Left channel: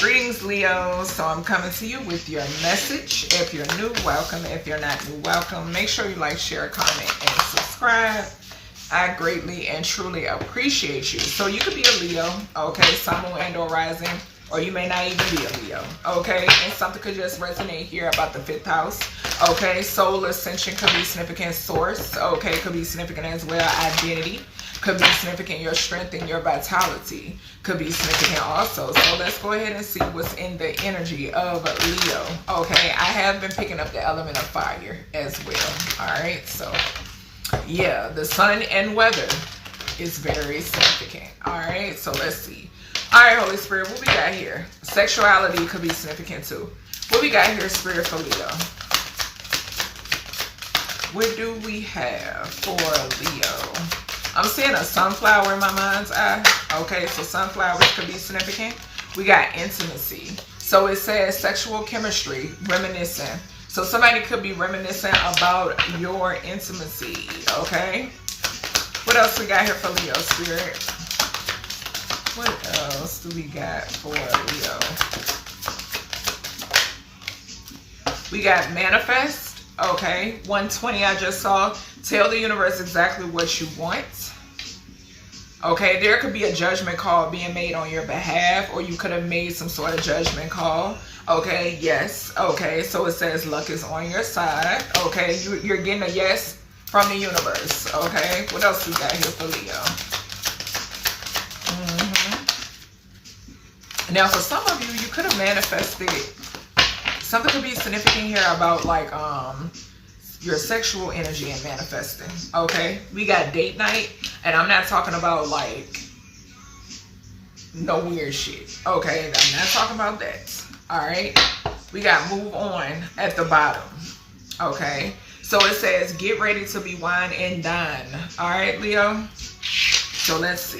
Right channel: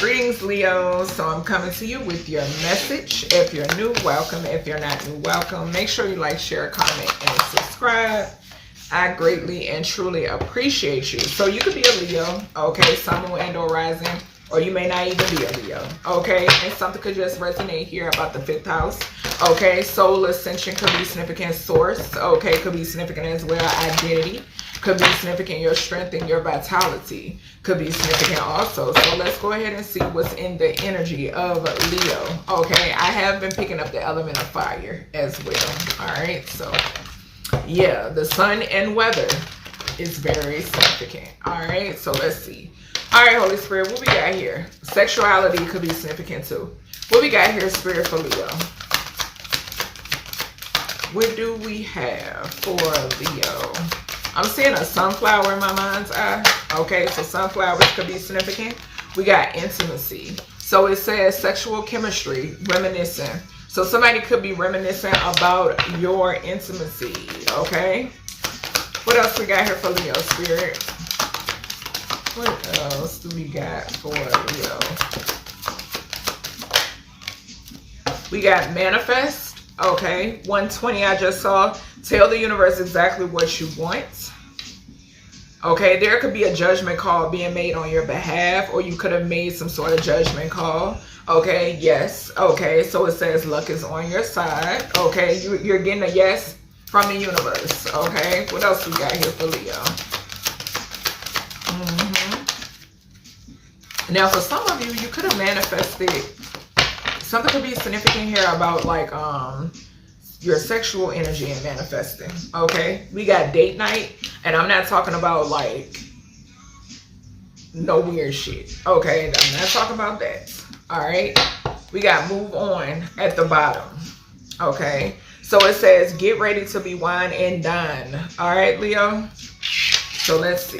Greetings, Leo. So I'm coming to you with your message. If you're new, welcome. If you're not new, welcome. Make sure you like, share, comment, and subscribe. I greatly and truly appreciate you. So you could be a Leo, okay, Sun, Moon, and or Rising, or you may not even be a Leo, okay? And something could just resonate here about the 5th house, okay? Soul ascension could be significant, source, okay? Could be significant as well, identity. Could be significant your strength and your vitality. Could be significant also. So let's go ahead and see what's in the energy of Leo. Okay, I have been picking up the element of fire as well. All right, so yeah, the sun and weather is very significant. All right, so let's see. All right, Holy Spirit, what we got here? Sexuality could be significant too. What we got here, Spirit, for Leo? What do we have for Leo? I'm seeing a sunflower in my mind's eye. Okay, so sunflowers could be significant. We got intimacy. So it says sexual chemistry, reminiscent. So somebody could be reminiscent about your intimacy, okay? What else we got here for Leo, Spirit? What else do we got for Leo? We got manifest, okay? 120 I just saw. Tell the universe exactly what you want. Okay, there could be a judgment call being made on your behalf, or you could have made some sort of judgment call. Okay, yes. Okay, so it says luck is on your side. Okay, you're getting a yes from the universe. Okay, what else we got here for Leo? Now, for some of you, you could have manifested. Something could be significant here about like your sexual energy and manifesting. Okay, we got date night, and I'm not talking about like no weird shit. Okay, I'm not talking about that. All right, we got move on at the bottom. Okay, so it says get ready to be wine and dine. All right, Leo, so let's see.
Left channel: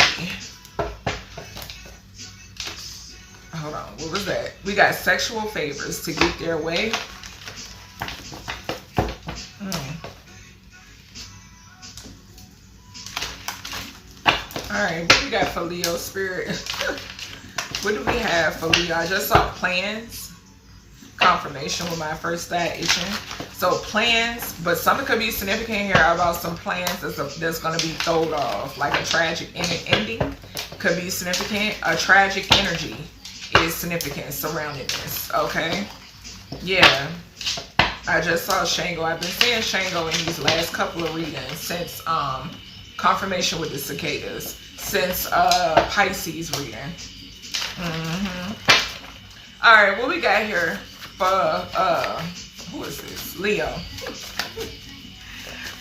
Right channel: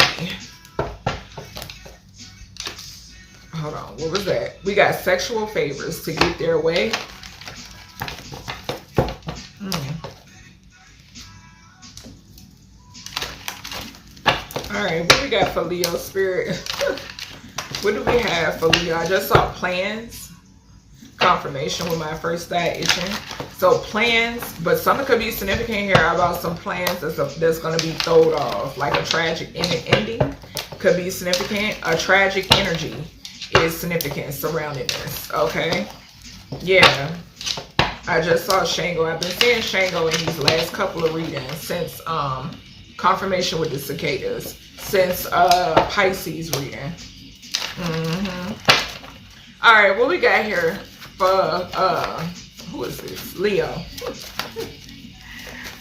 Hold on, what was that? We got sexual favors to get their way. All right, what we got for Leo, Spirit? What do we have for Leo? I just saw plans, confirmation with my first eye itching. So plans, but something could be significant here about some plans that's going to be thrown off, like a tragic ending could be significant. A tragic energy is significant surrounding this, okay? Yeah, I just saw Shango. I've been seeing Shango in these last couple of readings since confirmation with the cicadas, since Pisces reading. All right, what we got here for who is this? Leo.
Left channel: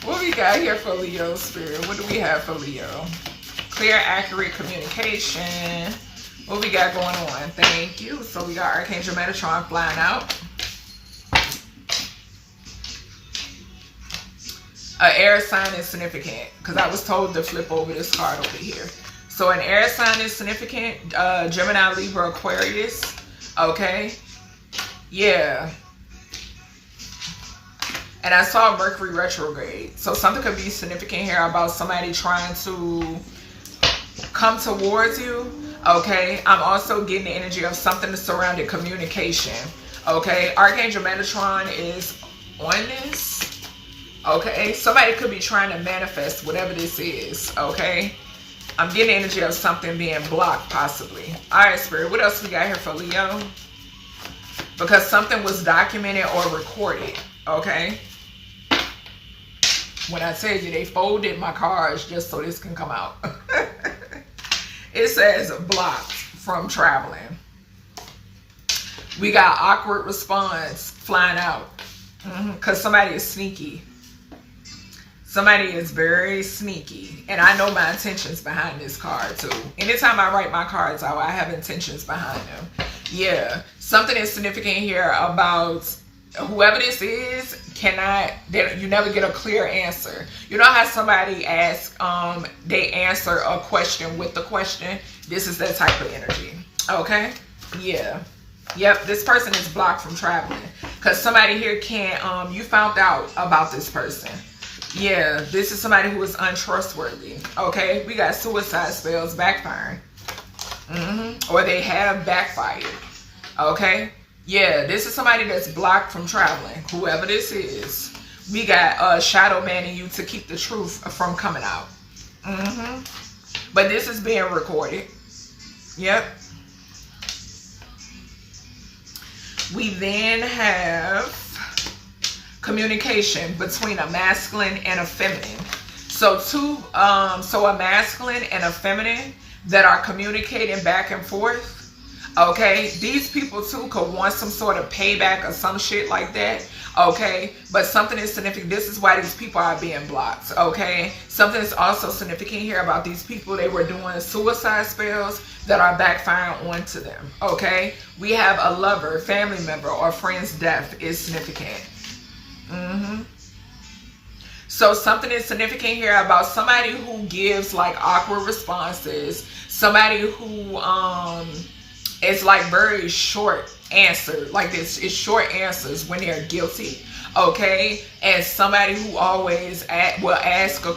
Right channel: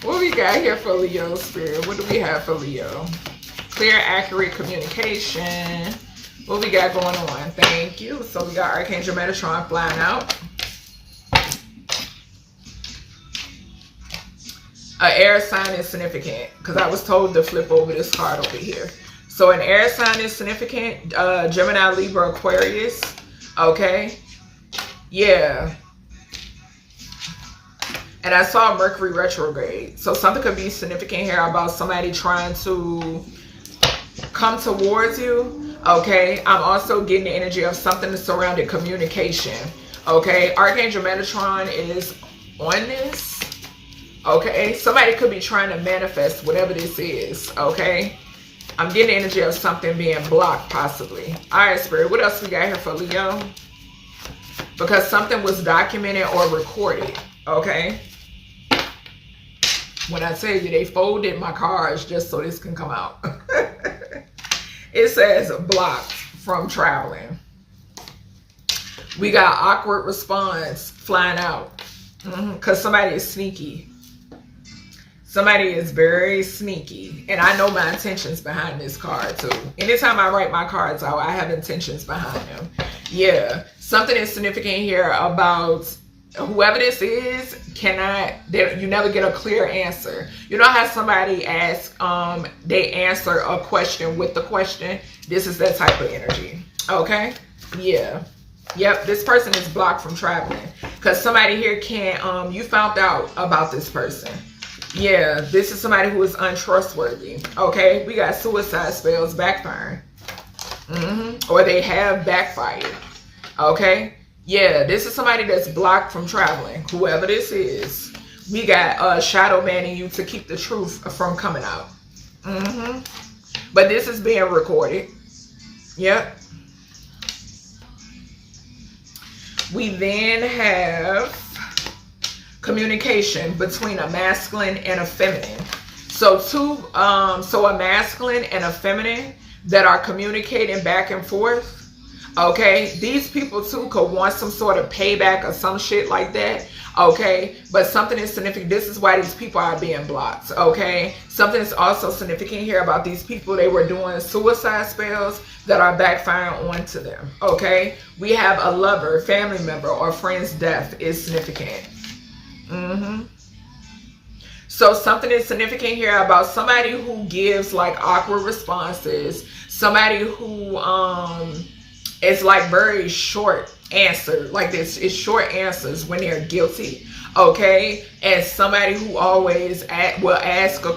What we got here for Leo, Spirit? What do we have for Leo? Clear, accurate communication. What we got going on? Thank you. So we got Archangel Metatron flying out. An air sign is significant because I was told to flip over this card over here. So an air sign is significant. Gemini, Libra, Aquarius. Okay. Yeah. And I saw Mercury retrograde. So something could be significant here about somebody trying to come towards you. Okay. I'm also getting the energy of something surrounding communication. Okay. Archangel Metatron is on this. Okay, somebody could be trying to manifest whatever this is, okay? I'm getting the energy of something being blocked, possibly. All right, Spirit, what else we got here for Leo? Because something was documented or recorded, okay? When I tell you they folded my cards just so this can come out. It says blocked from traveling. We got awkward response flying out because somebody is sneaky. Somebody is very sneaky, and I know my intentions behind this card too. Anytime I write my cards out, I have intentions behind them. Yeah, something is significant here about whoever this is. You never get a clear answer. You know how somebody asks, they answer a question with the question. This is that type of energy. Okay, yeah. Yep, this person is blocked from traveling because somebody here can't, you found out about this person. Yeah, this is somebody who is untrustworthy. Okay, we got suicide spells backfiring. Or they have backfired. Okay? Yeah, this is somebody that's blocked from traveling. Whoever this is. We got shadow banning you to keep the truth from coming out. But this is being recorded. Yep. We then have communication between a masculine and a feminine. So a masculine and a feminine that are communicating back and forth. Okay, these people too could want some sort of payback or some shit like that. Okay, but something is significant. This is why these people are being blocked. Okay, something is also significant here about these people. They were doing suicide spells that are backfiring onto them. Okay, we have a lover, family member, or friend's death is significant. So something is significant here about somebody who gives like awkward responses. Somebody who it's like very short answer, like this is short answers when they're guilty. Okay, and somebody who always will answer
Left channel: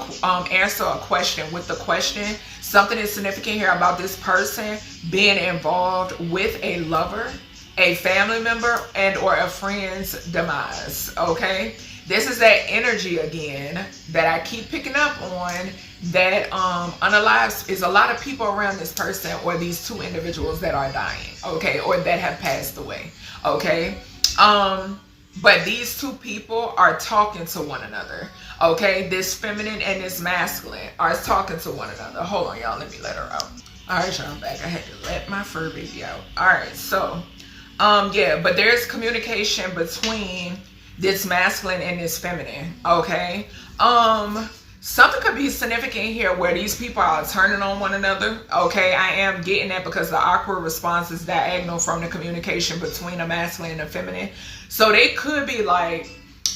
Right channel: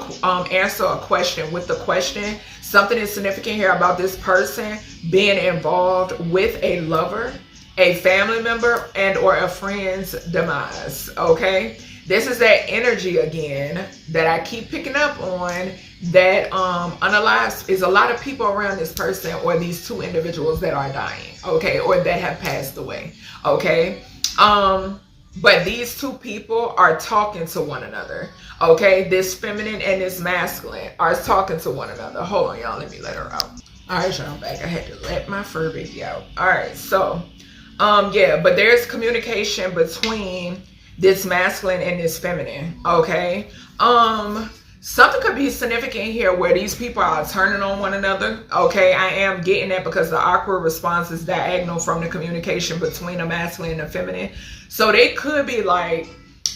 a question with the question. Something is significant here about this person being involved with a lover, a family member, and or a friend's demise. Okay, this is that energy again that I keep picking up on, that unalive is a lot of people around this person or these two individuals that are dying, okay, or that have passed away. Okay, but these two people are talking to one another. Okay, this feminine and this masculine are talking to one another. Hold on, y'all, let me let her out. All right, y'all, I'm back. I had to let my fur baby out. All right, so yeah, but there's communication between this masculine and this feminine. Okay, something could be significant here where these people are turning on one another. Okay, I am getting that because the awkward response is diagonal from the communication between a masculine and a feminine. So they could be like,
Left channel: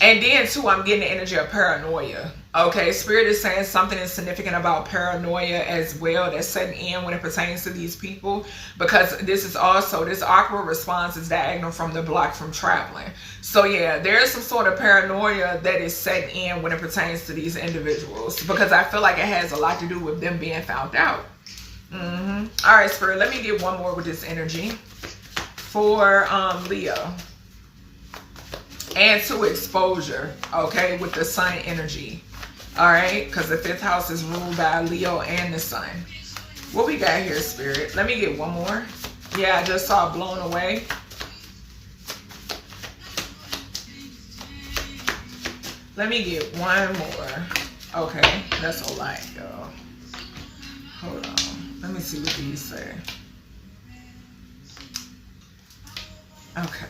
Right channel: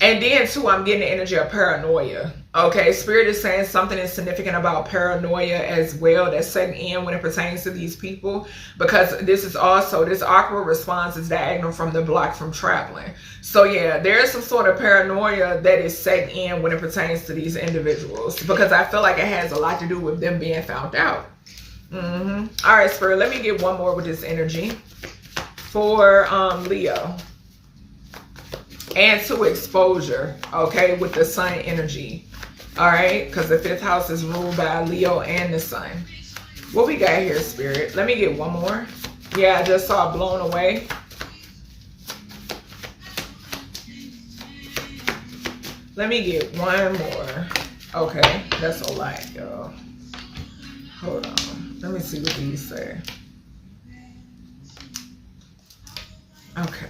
and then too, I'm getting the energy of paranoia. Okay, Spirit is saying something is significant about paranoia as well that's setting in when it pertains to these people, because this is also, this awkward response is diagonal from the block from traveling. So yeah, there is some sort of paranoia that is setting in when it pertains to these individuals, because I feel like it has a lot to do with them being found out. All right, Spirit, let me get one more with this energy for Leo. And to exposure, okay, with the sun energy. All right, because the 5th house is ruled by Leo and the sun. What we got here, Spirit? Let me get one more. Yeah, I just saw blown away. Let me get one more. Okay, that's a lot, y'all. Hold on. Let me see what these say. Okay.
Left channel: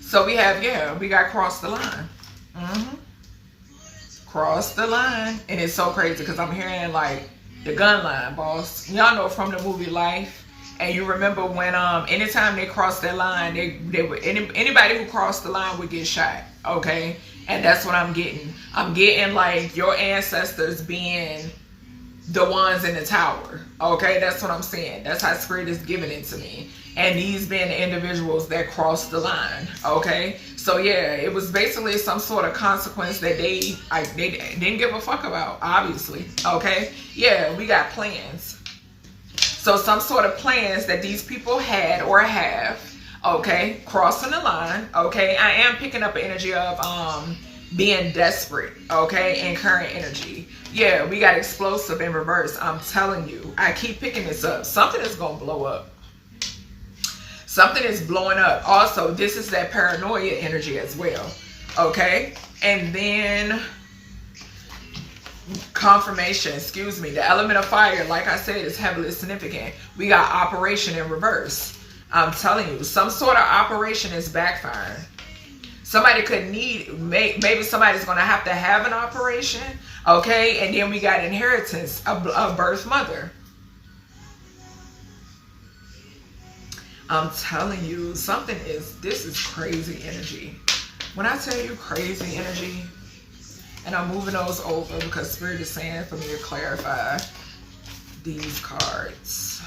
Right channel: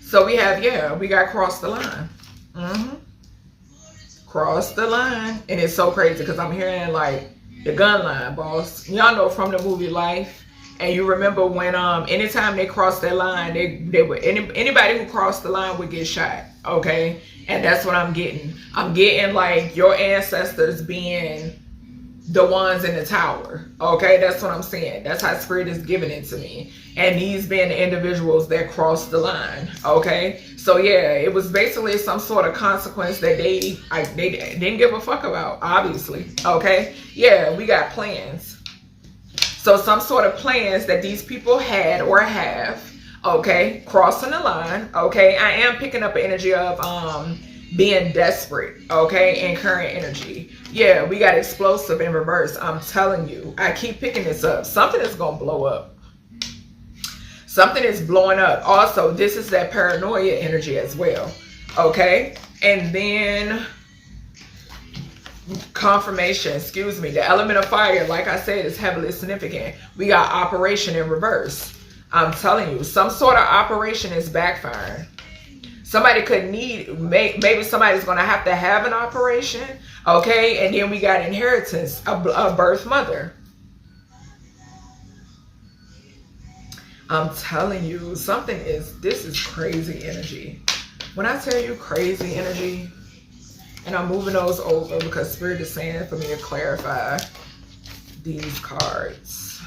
So we have, yeah, we got cross the line. Cross the line. And it's so crazy because I'm hearing like the gun line, boss. Y'all know from the movie Life. And you remember when anytime they crossed that line, they would, anybody who crossed the line would get shot. Okay. And that's what I'm getting. I'm getting like your ancestors being the ones in the tower. Okay, that's what I'm saying. That's how Spirit is giving it to me. And these being the individuals that crossed the line. Okay, so yeah, it was basically some sort of consequence that they didn't give a fuck about, obviously. Okay, yeah, we got plans. So some sort of plans that these people had or have. Okay, crossing the line. Okay, I am picking up an energy of being desperate, okay, in current energy. Yeah, we got explosive in reverse. I'm telling you, I keep picking this up. Something is gonna blow up. Something is blowing up. Also, this is that paranoia energy as well, okay? And then confirmation, excuse me, the element of fire, like I said, is heavily significant. We got operation in reverse. I'm telling you, some sort of operation is backfiring. Somebody could need, maybe somebody's going to have an operation, okay? And then we got inheritance, a birth mother. I'm telling you, this is crazy energy. When I tell you crazy energy, and I'm moving those over because Spirit is saying for me to clarify these cards.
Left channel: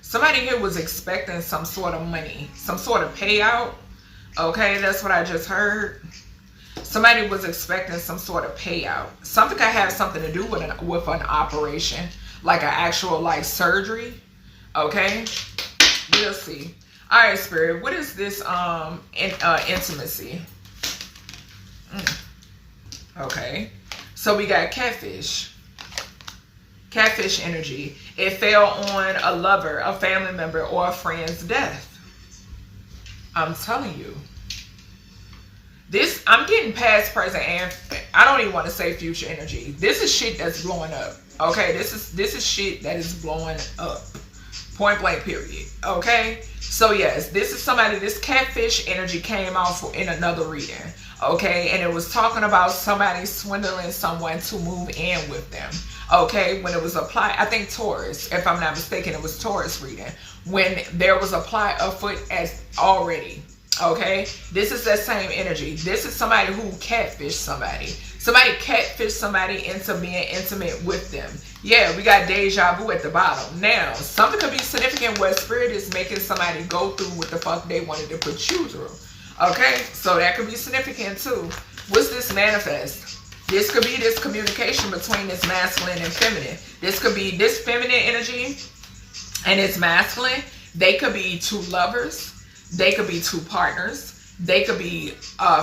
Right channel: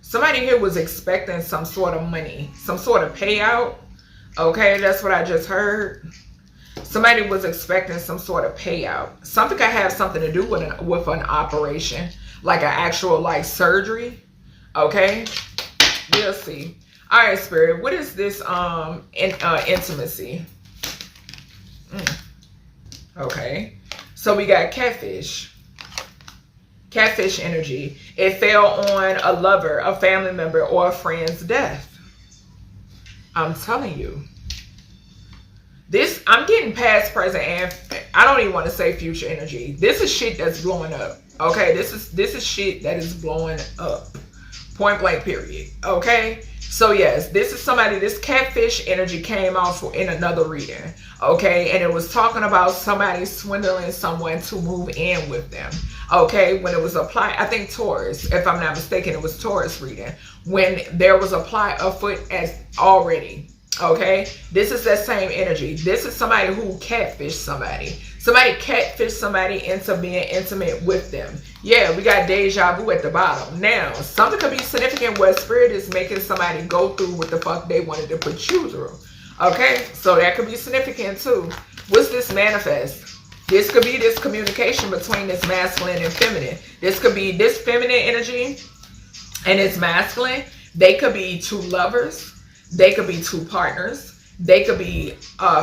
Somebody here was expecting some sort of money, some sort of payout. Okay, that's what I just heard. Somebody was expecting some sort of payout. Something could have something to do with an operation, like an actual like surgery. Okay, we'll see. All right, Spirit, what is this intimacy? Okay, so we got catfish. Catfish energy. It fell on a lover, a family member, or a friend's death. I'm telling you. This, I'm getting past, present, and I don't even want to say future energy. This is shit that's blowing up. Okay, this is shit that is blowing up. Point blank, period. Okay, so yes, this is somebody. This catfish energy came out in another reading. Okay, and it was talking about somebody swindling someone to move in with them. Okay, when it was applied, I think Taurus, if I'm not mistaken, it was Taurus reading. When there was applied afoot as already. Okay, this is that same energy. This is somebody who catfished somebody. Somebody catfished somebody into being intimate with them. Yeah, we got deja vu at the bottom. Now, something could be significant where Spirit is making somebody go through what the fuck they wanted to put you through. Okay, so that could be significant too. What's this manifest? This could be this communication between this masculine and feminine. This could be this feminine energy and this masculine. They could be two lovers. They could be two partners. They could be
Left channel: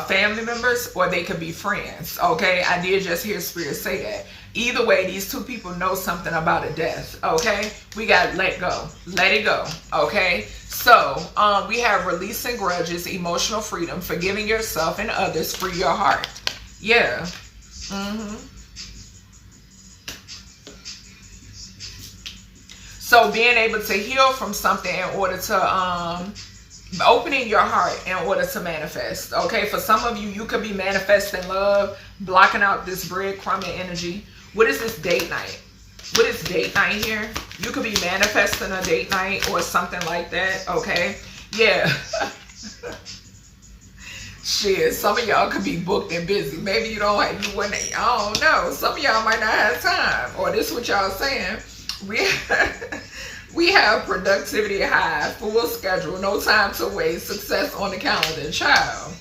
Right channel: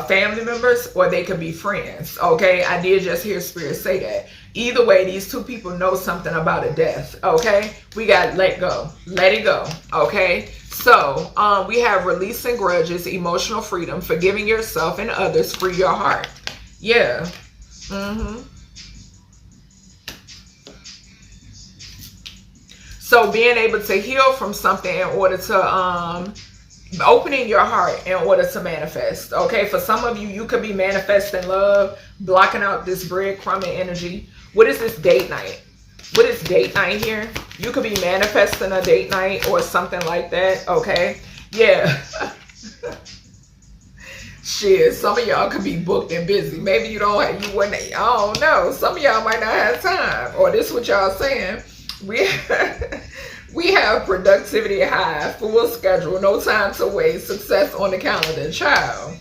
family members, or they could be friends. Okay, I did just hear Spirit say that. Either way, these two people know something about a death. Okay, we got let go. Let it go. Okay, so we have releasing grudges, emotional freedom, forgiving yourself and others, free your heart. Yeah. So being able to heal from something in order to opening your heart in order to manifest. Okay, for some of you, you could be manifesting love, blocking out this breadcrumbing energy. What is this date night? What is date night here? You could be manifesting a date night or something like that. Okay, yeah. Shit, some of y'all could be booked and busy. Maybe you don't have, you wouldn't, I don't know. Some of y'all might not have time. Or this is what y'all saying. We have productivity high, full schedule, no time to waste, success on the calendar. Child,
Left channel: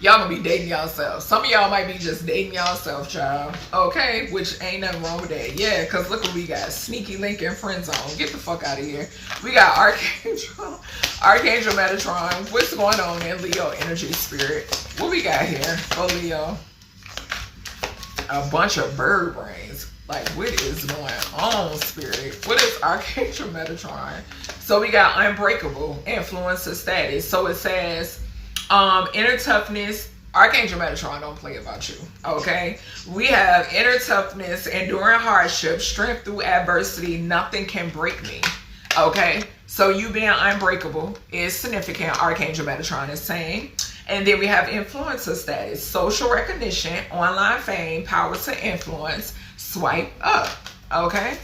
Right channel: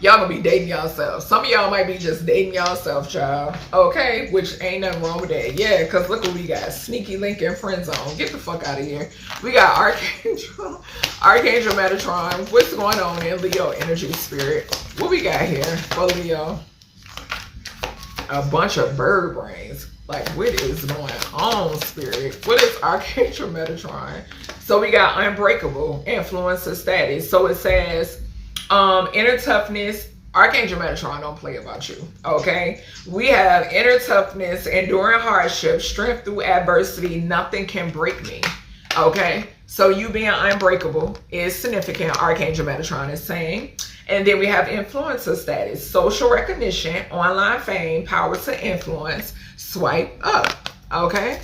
y'all gonna be dating yourself. Some of y'all might be just dating yourself, child. Okay, which ain't nothing wrong with that. Yeah, because look what we got. Sneaky link and friend zone. Get the fuck out of here. We got Archangel Metatron. What's going on in Leo energy, Spirit? What we got here for Leo? A bunch of bird brains. Like, what is going on, Spirit? What is Archangel Metatron? So we got unbreakable, influencer status. So it says inner toughness. Archangel Metatron don't play about you. Okay, we have inner toughness, enduring hardship, strength through adversity. Nothing can break me. Okay, so you being unbreakable is significant. Archangel Metatron is saying. And then we have influencer status, social recognition, online fame, power to influence. Swipe up. Okay,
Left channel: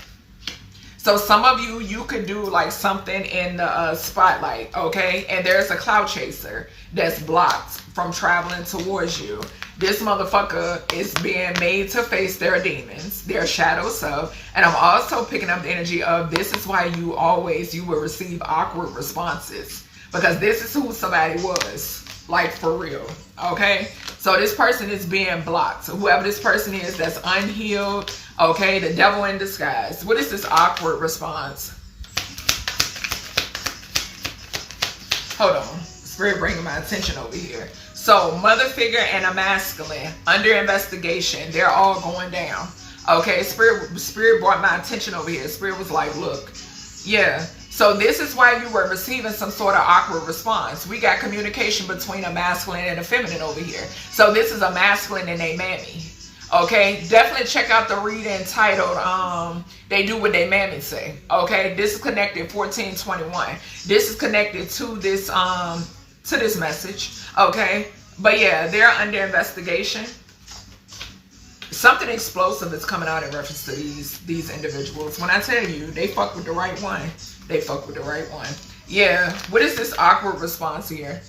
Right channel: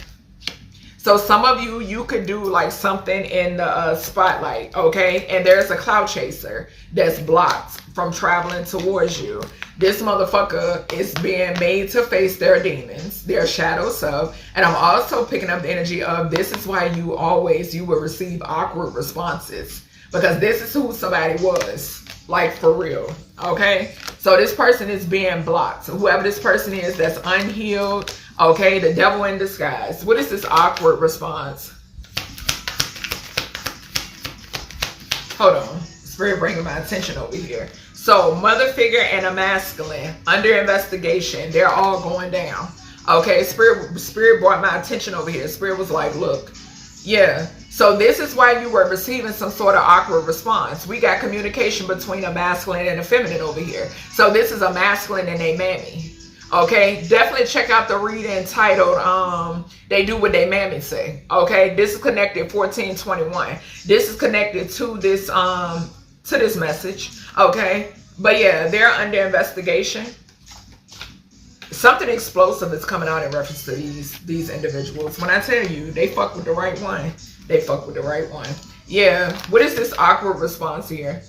so some of you, you could do like something in the spotlight. Okay, and there's a cloud chaser that's blocked from traveling towards you. This motherfucker is being made to face their demons, their shadow self. And I'm also picking up the energy of this is why you will receive awkward responses, because this is who somebody was. Like, for real. Okay, so this person is being blocked. So whoever this person is that's unhealed, okay, the devil in disguise. What is this awkward response? Hold on, Spirit bringing my attention over here. So mother figure and a masculine under investigation. They're all going down. Okay, Spirit brought my attention over here. Spirit was like, look, yeah. So this is why you were receiving some sort of awkward response. We got communication between a masculine and a feminine over here. So this is a masculine and a mammy. Okay, definitely check out the reading titled They Do What They Mammy Say. Okay, this is connected 1421. This is connected to this message. Okay, but yeah, they're under investigation. Something explosive is coming out in reference to these individuals. When I tell you, they fuck with the right one. They fuck with the right one. Yeah. What is this awkward response here?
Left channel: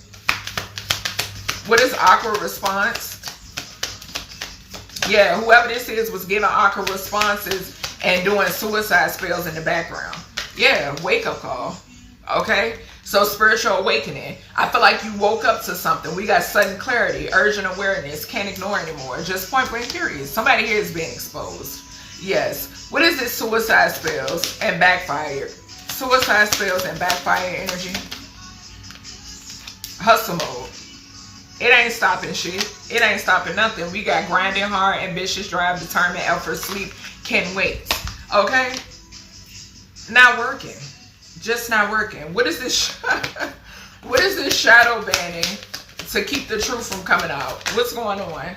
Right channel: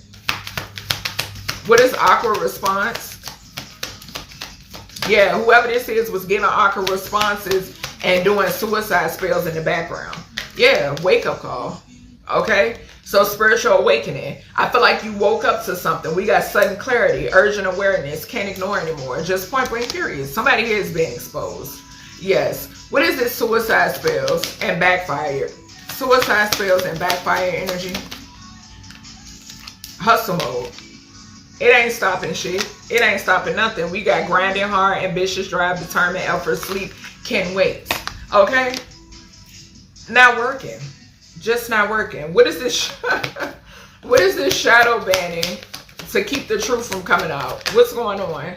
What is awkward response? Yeah, whoever this is was giving awkward responses and doing suicide spells in the background. Yeah, wake up call. Okay. So spiritual awakening. I feel like you woke up to something. We got sudden clarity, urgent awareness, can't ignore anymore. Just point blank period. Somebody here is being exposed. Yes. What is this suicide spells and backfire? Suicide spells and backfire energy. Hustle mode. It ain't stopping shit. It ain't stopping nothing. We got grinding hard, ambitious, drive, determined, effort, sleep, can't wait. Okay? Not working. Just not working. What is this? What is this shadow banning to keep the truth from coming out? What's going on?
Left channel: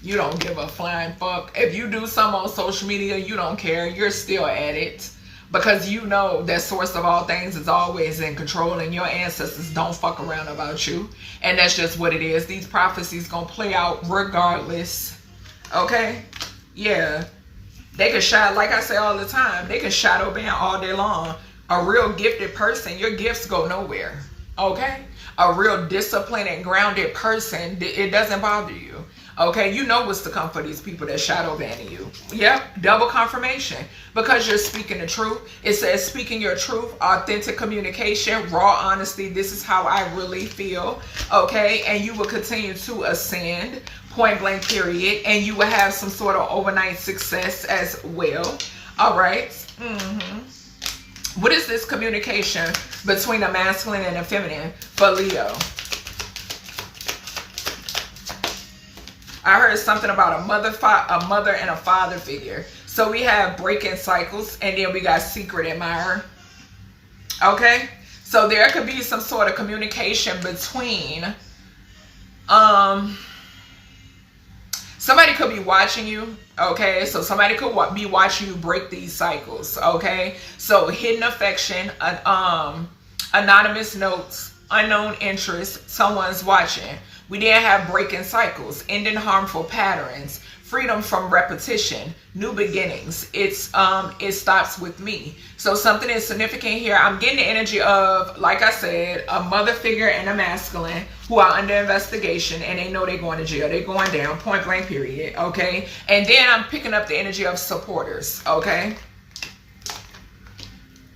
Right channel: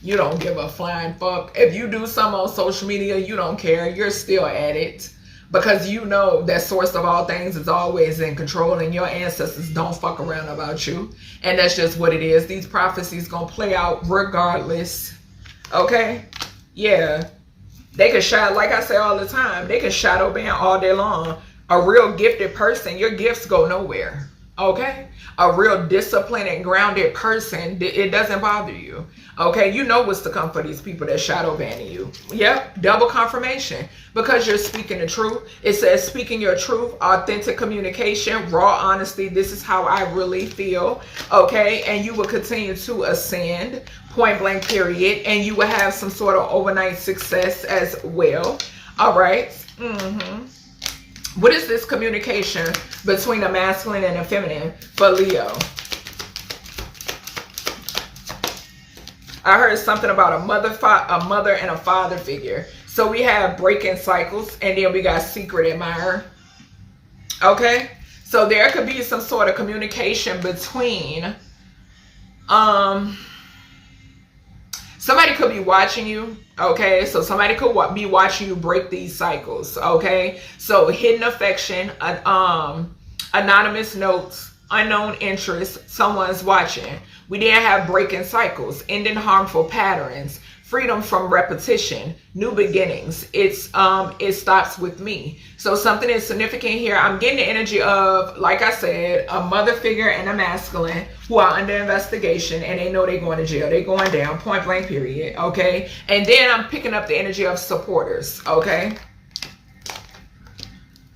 You don't give a flying fuck. If you do something on social media, you don't care. You're still at it. Because you know that source of all things is always in control and your ancestors don't fuck around about you. And that's just what it is. These prophecies gonna play out regardless. Okay? Yeah. They can shadow, like I say all the time, they can shadow ban all day long. A real gifted person, your gifts go nowhere. Okay? A real disciplined and grounded person, it doesn't bother you. Okay? You know what's to come for these people that shadow banning you. Yep. Double confirmation. Because you're speaking the truth. It says speaking your truth, authentic communication, raw honesty. This is how I really feel. Okay? And you will continue to ascend. Point blank period. And you will have some sort of overnight success as well. All right. What is this communication between a masculine and a feminine for Leo? I heard something about a mother and a father figure. So we have breaking cycles, and then we got secret admirer. Okay? So there could be some sort of communication between somebody could be watching you, okay? So somebody could be watching you break these cycles, okay? So hidden affection, anonymous notes, unknown interest, someone's watching. We then have breaking cycles, ending harmful patterns, freedom from repetition, new beginnings. It stops with me. So something is significant here. I'm getting the energy of, like I said, a mother figure and a masculine who are under investigation, and they know they're going to jail. They're going down, point blank period, okay? And then I'm picking up the energy of supporters, okay?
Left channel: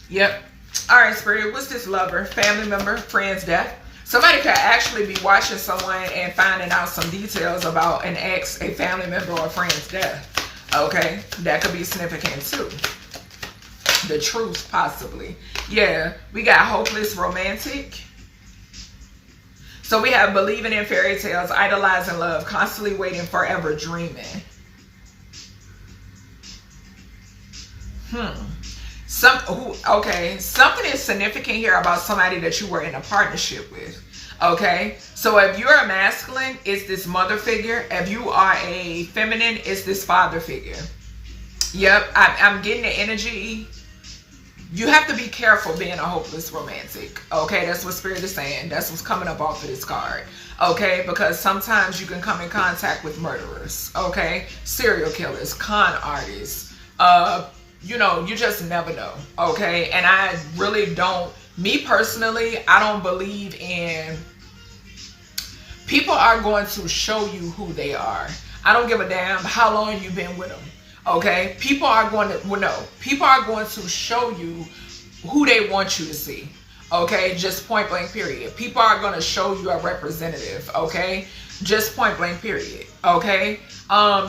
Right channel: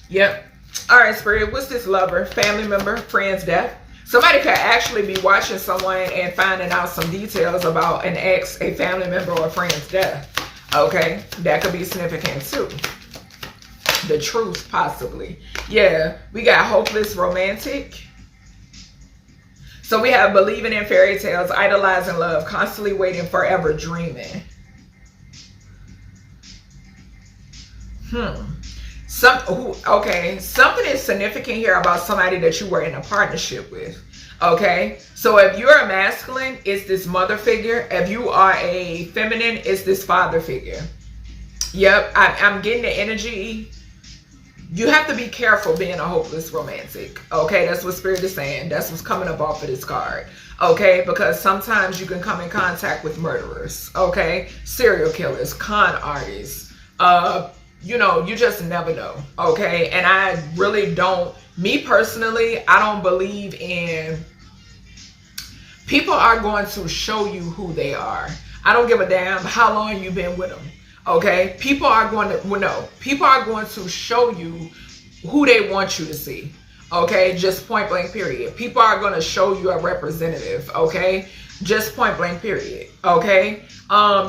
Yep. All right, Spirit, what's this lover, family member, friend's death? Somebody could actually be watching someone and finding out some details about an ex, a family member, or a friend's death. Okay, that could be significant too. The truth, possibly. Yeah, we got hopeless romantic. So we have believing in fairy tales, idolizing love, constantly waiting, forever dreaming. Okay, something is significant here about somebody that you were in a partnership with. Okay, so if you're a masculine, it's this mother figure. If you are a feminine, it's this father figure. Yep, I'm getting the energy. You have to be careful being a hopeless romantic. Okay, that's what Spirit is saying. That's what's coming up off of this card. Okay, because sometimes you can come in contact with murderers. Okay, serial killers, con artists. You know, you just never know. Okay, and I really don't. Me personally, I don't believe in. People are going to show you who they are. I don't give a damn how long you've been with them. Okay, people are going to show you who they want you to see. Okay, just point blank period. People are going to show you a representative. Okay, just point blank period. Okay,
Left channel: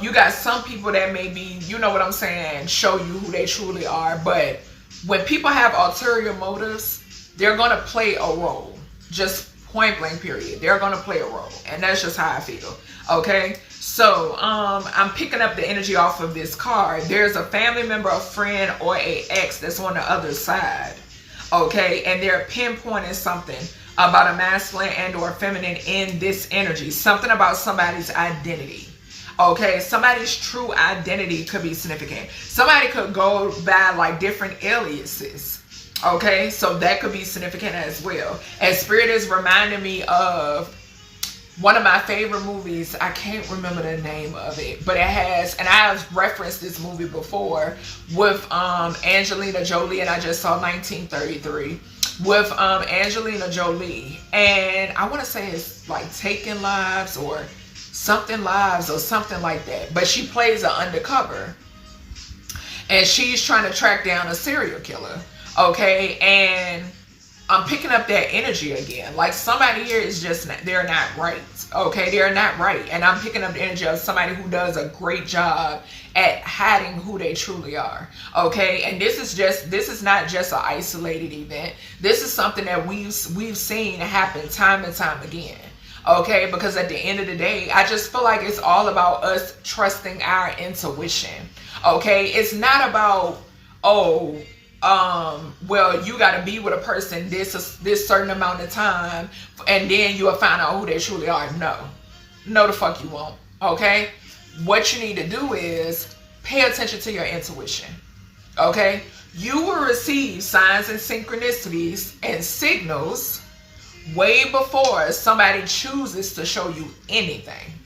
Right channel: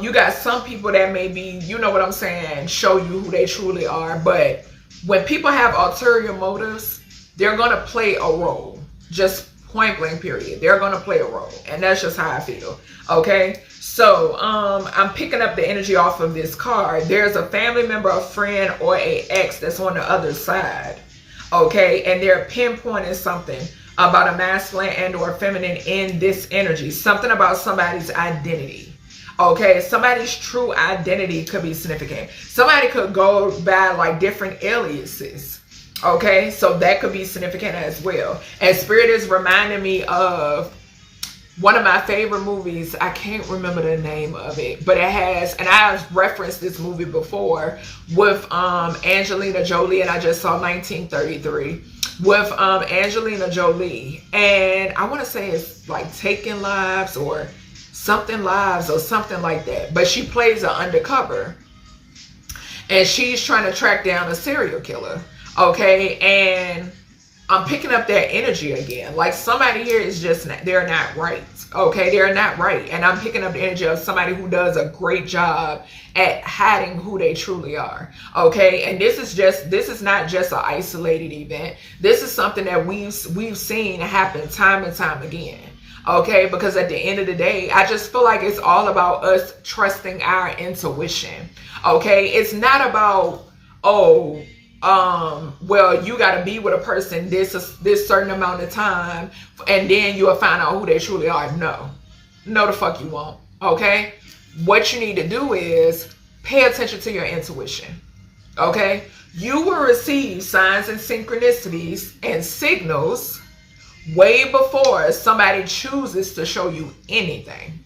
you got some people that may be, you know what I'm saying, show you who they truly are. But when people have ulterior motives, they're going to play a role. Just point blank period. They're going to play a role. And that's just how I feel. Okay. So, I'm picking up the energy off of this card. There's a family member, a friend, or a ex that's on the other side. Okay. And they're pinpointing something about a masculine and or feminine in this energy. Something about somebody's identity. Okay. Somebody's true identity could be significant. Somebody could go by like different aliases. Okay, so that could be significant as well. And Spirit is reminding me of one of my favorite movies. I can't remember the name of it, but it has, and I've referenced this movie before with Angelina Jolie, and I just saw 1933 with Angelina Jolie. And I want to say it's like Taking Lives or something Lives or something like that. But she plays an undercover, and she's trying to track down a serial killer. Okay, and I'm picking up that energy again. Like somebody here is just, they're not right. Okay, they're not right. And I'm picking up the energy of somebody who does a great job at hiding who they truly are. Okay, and this is not just an isolated event. This is something that we've seen happen time and time again. Okay, because at the end of the day, I just feel like it's all about us trusting our intuition. Okay, it's not about, oh, well, you got to be with a person this certain amount of time and then you'll find out who they truly are. No the fuck you won't. Okay, what you need to do is pay attention to your intuition. Okay, you will receive signs and synchronicities and signals way before somebody chooses to show you anything.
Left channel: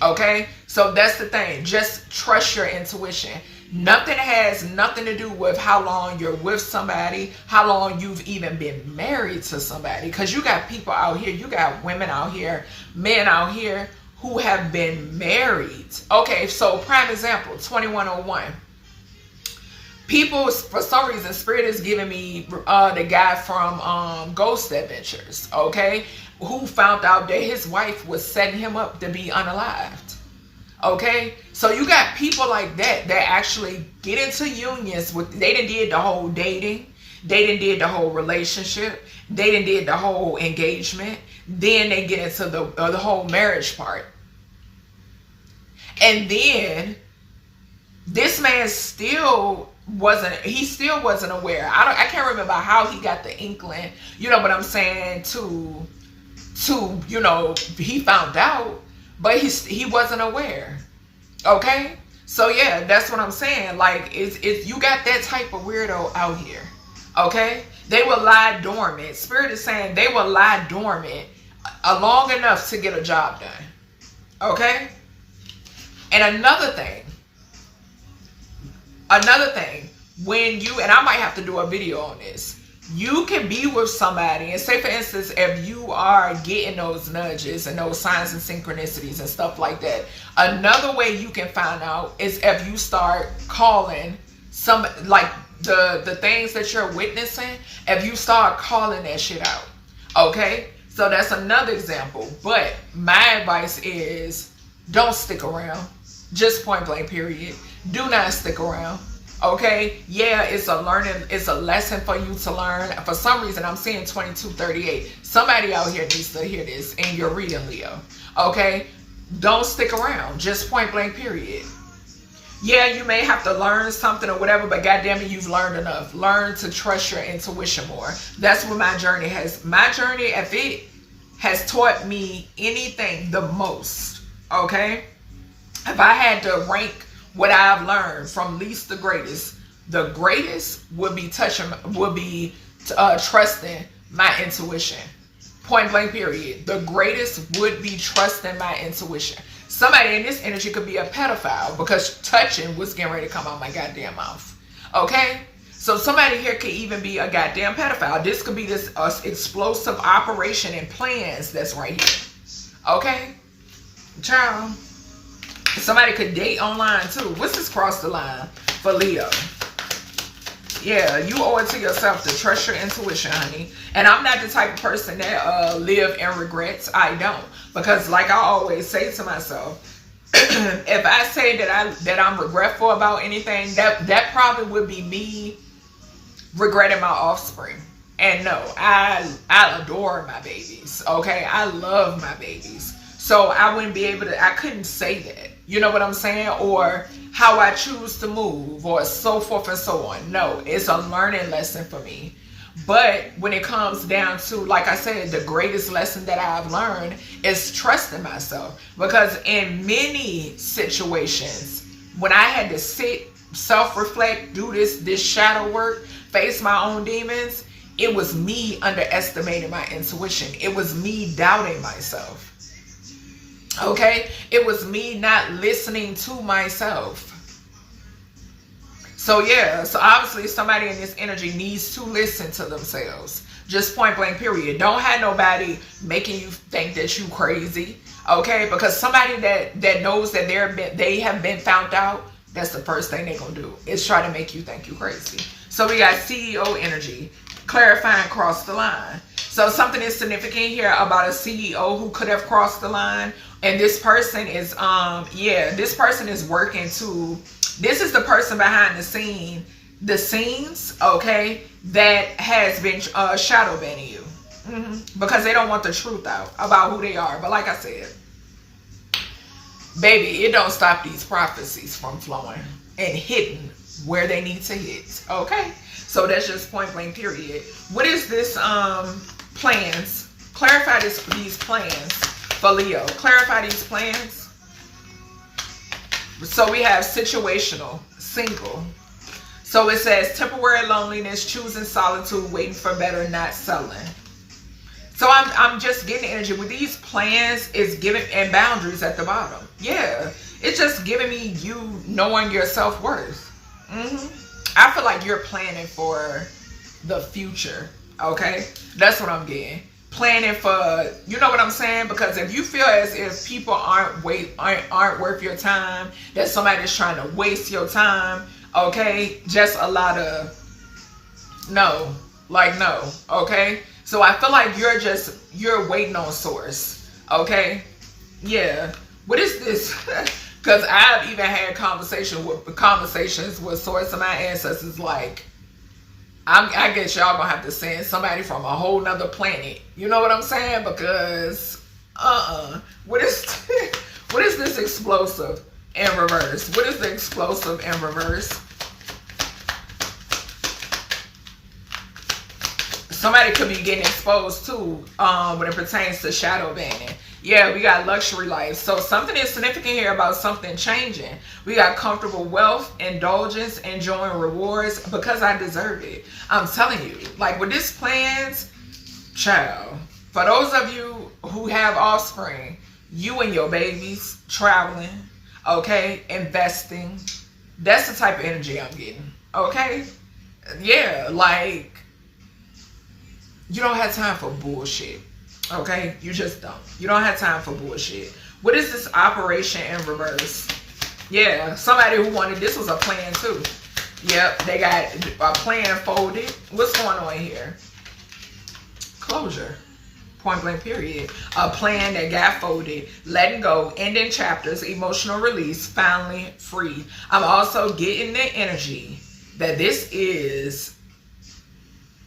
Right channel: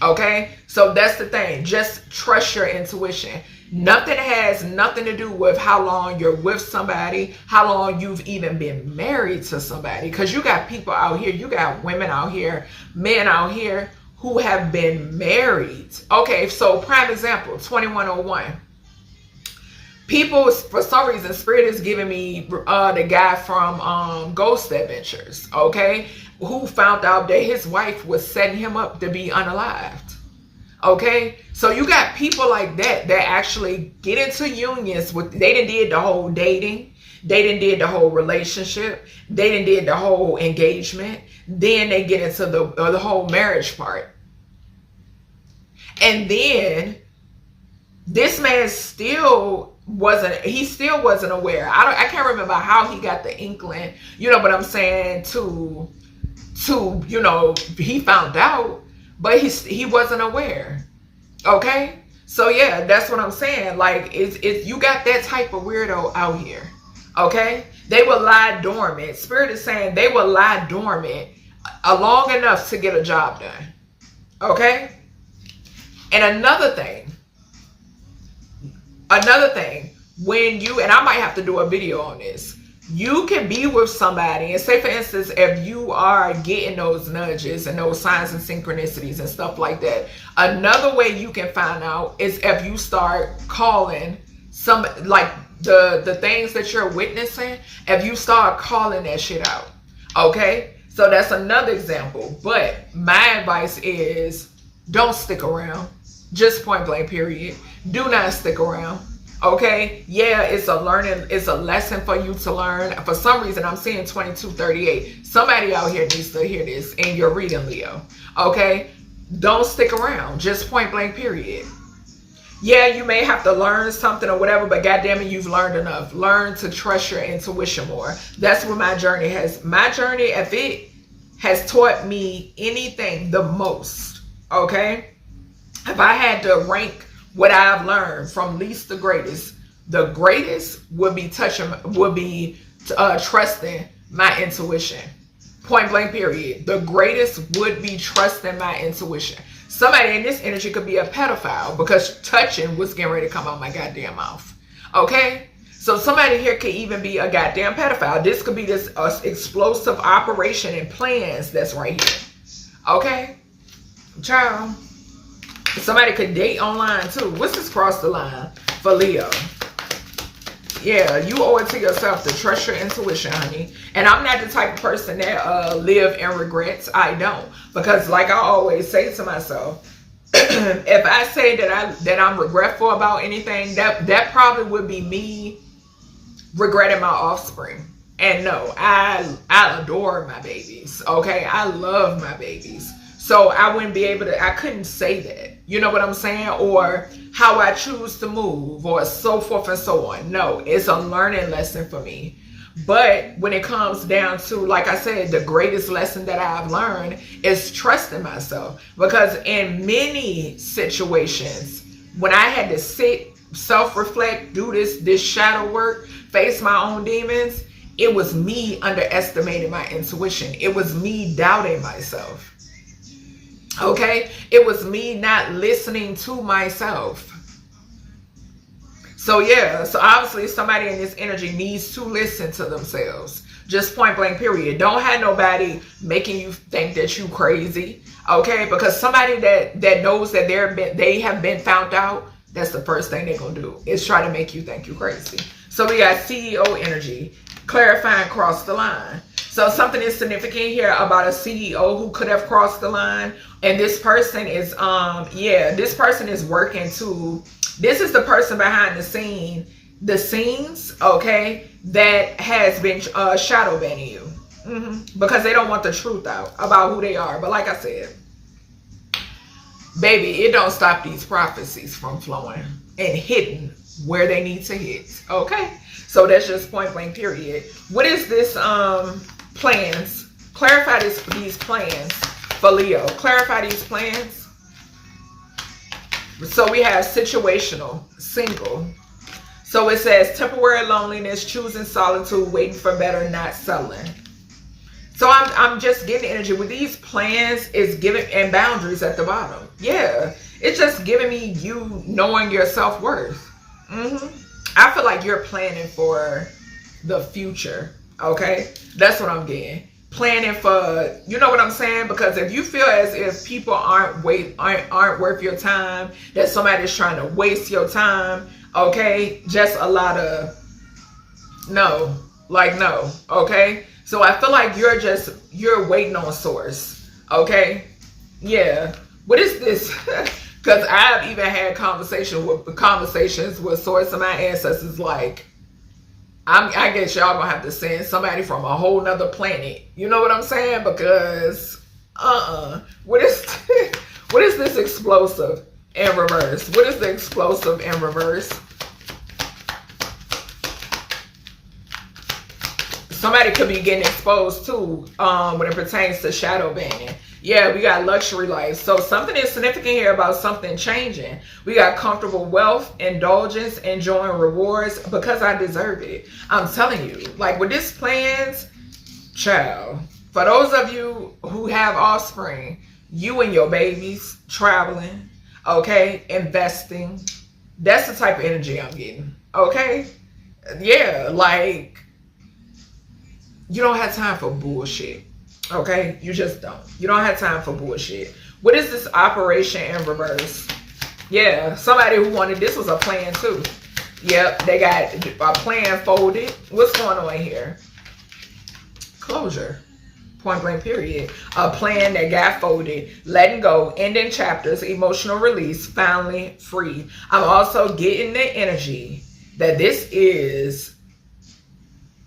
Okay, so that's the thing. Just trust your intuition. Nothing has nothing to do with how long you're with somebody, how long you've even been married to somebody. Because you got people out here, you got women out here, men out here who have been married. Okay, so prime example, 2101. People, for some reason, Spirit is giving me the guy from Ghost Adventures, okay, who found out that his wife was setting him up to be unalived. Okay, so you got people like that actually get into unions with, they done did the whole dating, they done did the whole relationship, they done did the whole engagement, then they get into the whole marriage part. And then this man still wasn't aware. I can't remember how he got the inkling, you know what I'm saying, to you know, he found out, but he wasn't aware. Okay, so yeah, that's what I'm saying. Like, it's you got that type of weirdo out here. Okay, they will lie dormant. Spirit is saying they will lie dormant long enough to get a job done. Okay, and another thing, when you, and I might have to do a video on this, you can be with somebody and say, for instance, if you are getting those nudges and those signs and synchronicities and stuff like that, another way you can find out is if you start calling some, like the things that you're witnessing, if you start calling that shit out. Okay, so that's another example. But my advice is don't stick around. Just point blank period. Do not stick around. Okay, yeah, it's a lesson for you to learn. For some reason, I'm seeing 2238. Somebody out here needs to hear this in your reading, Leo. Okay, don't stick around. Just point blank period. Yeah, you may have to learn something or whatever, but goddamn it, you've learned enough. Learn to trust your intuition more. That's what my journey, if it has taught me anything the most, okay? If I had to rank what I've learned from least to greatest, the greatest would be trusting my intuition. Point blank period. The greatest would be trusting my intuition. Somebody in this energy could be a pedophile because touching was getting ready to come out my goddamn mouth. Okay? So somebody here could even be a goddamn pedophile. This could be this explosive operation and plans that's right here. Okay? Child. Somebody could date online too. What's this cross the line for Leo? Yeah, you owe it to yourself to trust your intuition, honey. And I'm not the type of person that live in regrets. I don't. Because like I always say to myself, if I say that I'm regretful about anything, that probably would be me regretting my offspring. And no, I adore my babies. Okay, I love my babies. So I wouldn't be able to, I couldn't say that. You know what I'm saying? Or how I choose to move or so forth and so on. No, it's a learning lesson for me. But when it comes down to, like I said, the greatest lesson that I've learned is trusting myself. Because in many situations, when I had to sit, self-reflect, do this shadow work, face my own demons, it was me underestimating my intuition. It was me doubting myself. Okay, it was me not listening to myself. So yeah, so obviously somebody in this energy needs to listen to themselves. Just point blank period. Don't have nobody making you think that you crazy. Okay, because somebody that knows that they have been found out, that's the first thing they're gonna do is try to make you think you crazy. So we got CEO energy. clarifying cross the line. So something is significant here about a CEO who could have crossed the line. And this person is, this person is working to, this is the person behind the scenes, okay, that has been shadow banning you. Because they don't want the truth out about who they are. But like I said, baby, it don't stop these prophecies from flowing and hitting where they need to hit. Okay, so that's just point blank period. What is this plans? Clarify these plans for Leo. Clarify these plans. So we have situational, single. So it says temporary loneliness, choosing solitude, waiting for better, not settling. So I'm just getting energy with these plans is giving, and boundaries at the bottom. Yeah, it's just giving me you knowing your self-worth. I feel like you're planning for the future. Okay, that's what I'm getting. Planning for, you know what I'm saying? Because if you feel as if people aren't worth your time, that somebody's trying to waste your time, okay, just a lot of no, okay. So I feel like you're waiting on source, okay? Yeah. What is this? Because I've even had conversations with source of my ancestors. Like, I guess y'all gonna have to send somebody from a whole nother planet. You know what I'm saying? Because what is this explosive in reverse? What is the explosive in reverse? Somebody could be getting exposed too when it pertains to shadow banning. Yeah, we got luxury life. So something is significant here about something changing. We got comfortable wealth, indulgence, enjoying rewards because I deserve it. I'm telling you, like with this plans, child, for those of you who have offspring, you and your babies traveling, okay, investing, that's the type of energy I'm getting, okay? Yeah, like, you don't have time for bullshit, okay? You just don't. You don't have time for bullshit. What is this operation in reverse? Yeah, somebody who wanted, this was a plan too. Yep, they got a plan folded. What's going on here? Closure. Point blank period. A plan that got folded, letting go, ending chapters, emotional release, finally free. I'm also getting the energy that this is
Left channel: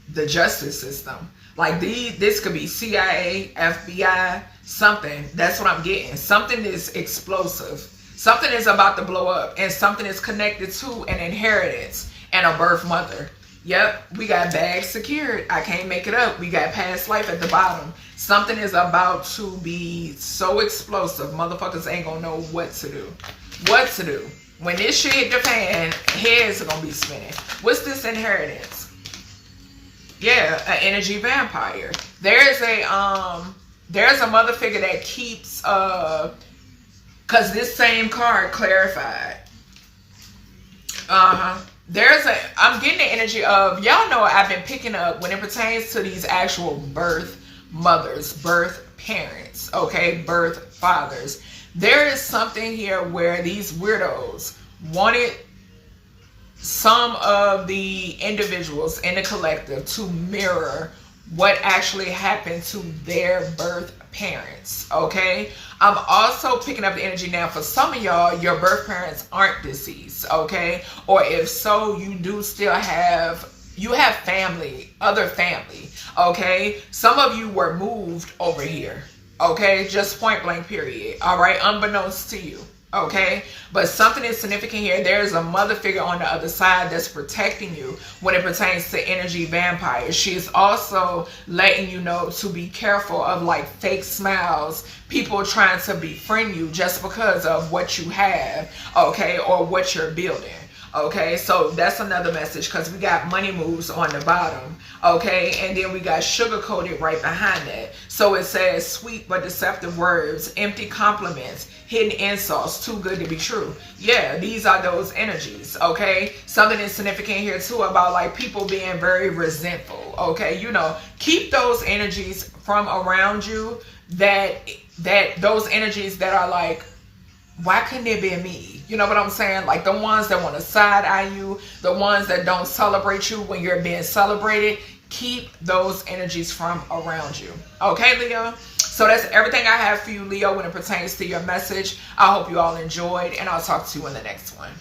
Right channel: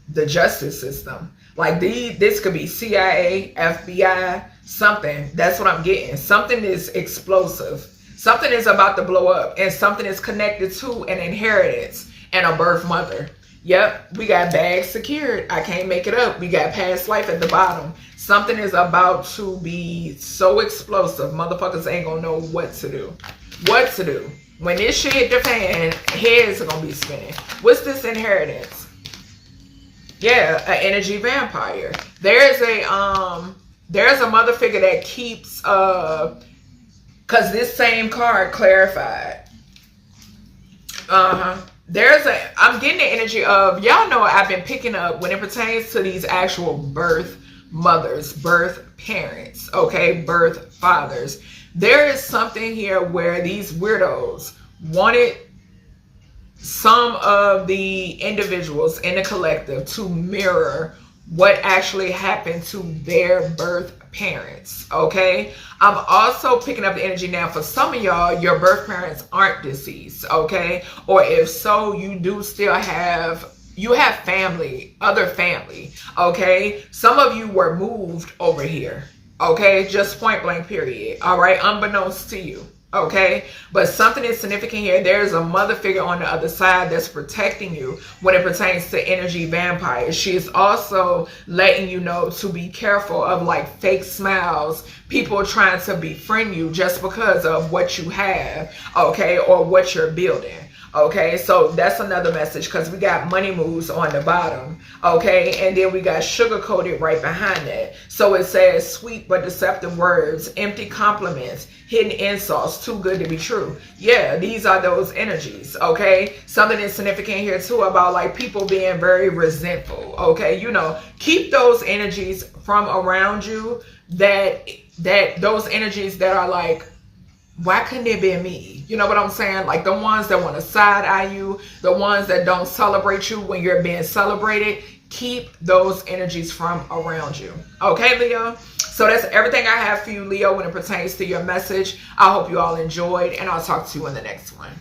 the justice system. Like this could be CIA, FBI, something. That's what I'm getting. Something is explosive. Something is about to blow up, and something is connected to an inheritance and a birth mother. Yep, we got bags secured. I can't make it up. We got past life at the bottom. Something is about to be so explosive. Motherfuckers ain't gonna know what to do. What to do. When this shit hit the fan, heads are gonna be spinning. What's this inheritance? Yeah, an energy vampire. There's a mother figure that keeps cause this same card clarified. I'm getting the energy of, y'all know I've been picking up when it pertains to these actual birth mothers, birth parents, okay, birth fathers. There is something here where these weirdos wanted some of the individuals in the collective to mirror what actually happened to their birth parents, okay? I'm also picking up the energy now for some of y'all, your birth parents aren't deceased, okay? Or if so, you do still have, you have family, other family, okay? Some of you were moved over here, okay? Just point blank period, all right? Unbeknownst to you. Okay, but something is significant here. There's a mother figure on the other side that's protecting you when it pertains to energy vampires. She is also letting you know to be careful of like fake smiles, people trying to befriend you just because of what you have, okay, or what you're building. Okay, so that's another message because we got money moves on the bottom, okay, and then we got sugar coated right behind it. So it says sweet but deceptive words, empty compliments, hidden insults, too good to be true. Yeah, these are those energies, okay? Something is significant here too about like people being very resentful, okay? You know, keep those energies from around you, that those energies that are like, why couldn't it be me? You know what I'm saying? Like the ones that want to side eye you, the ones that don't celebrate you when you're being celebrated. keep those energies from around you. Okay, Leo? So that's everything I have for you, Leo, when it pertains to your message. I hope you all enjoyed, and I'll talk to you in the next one.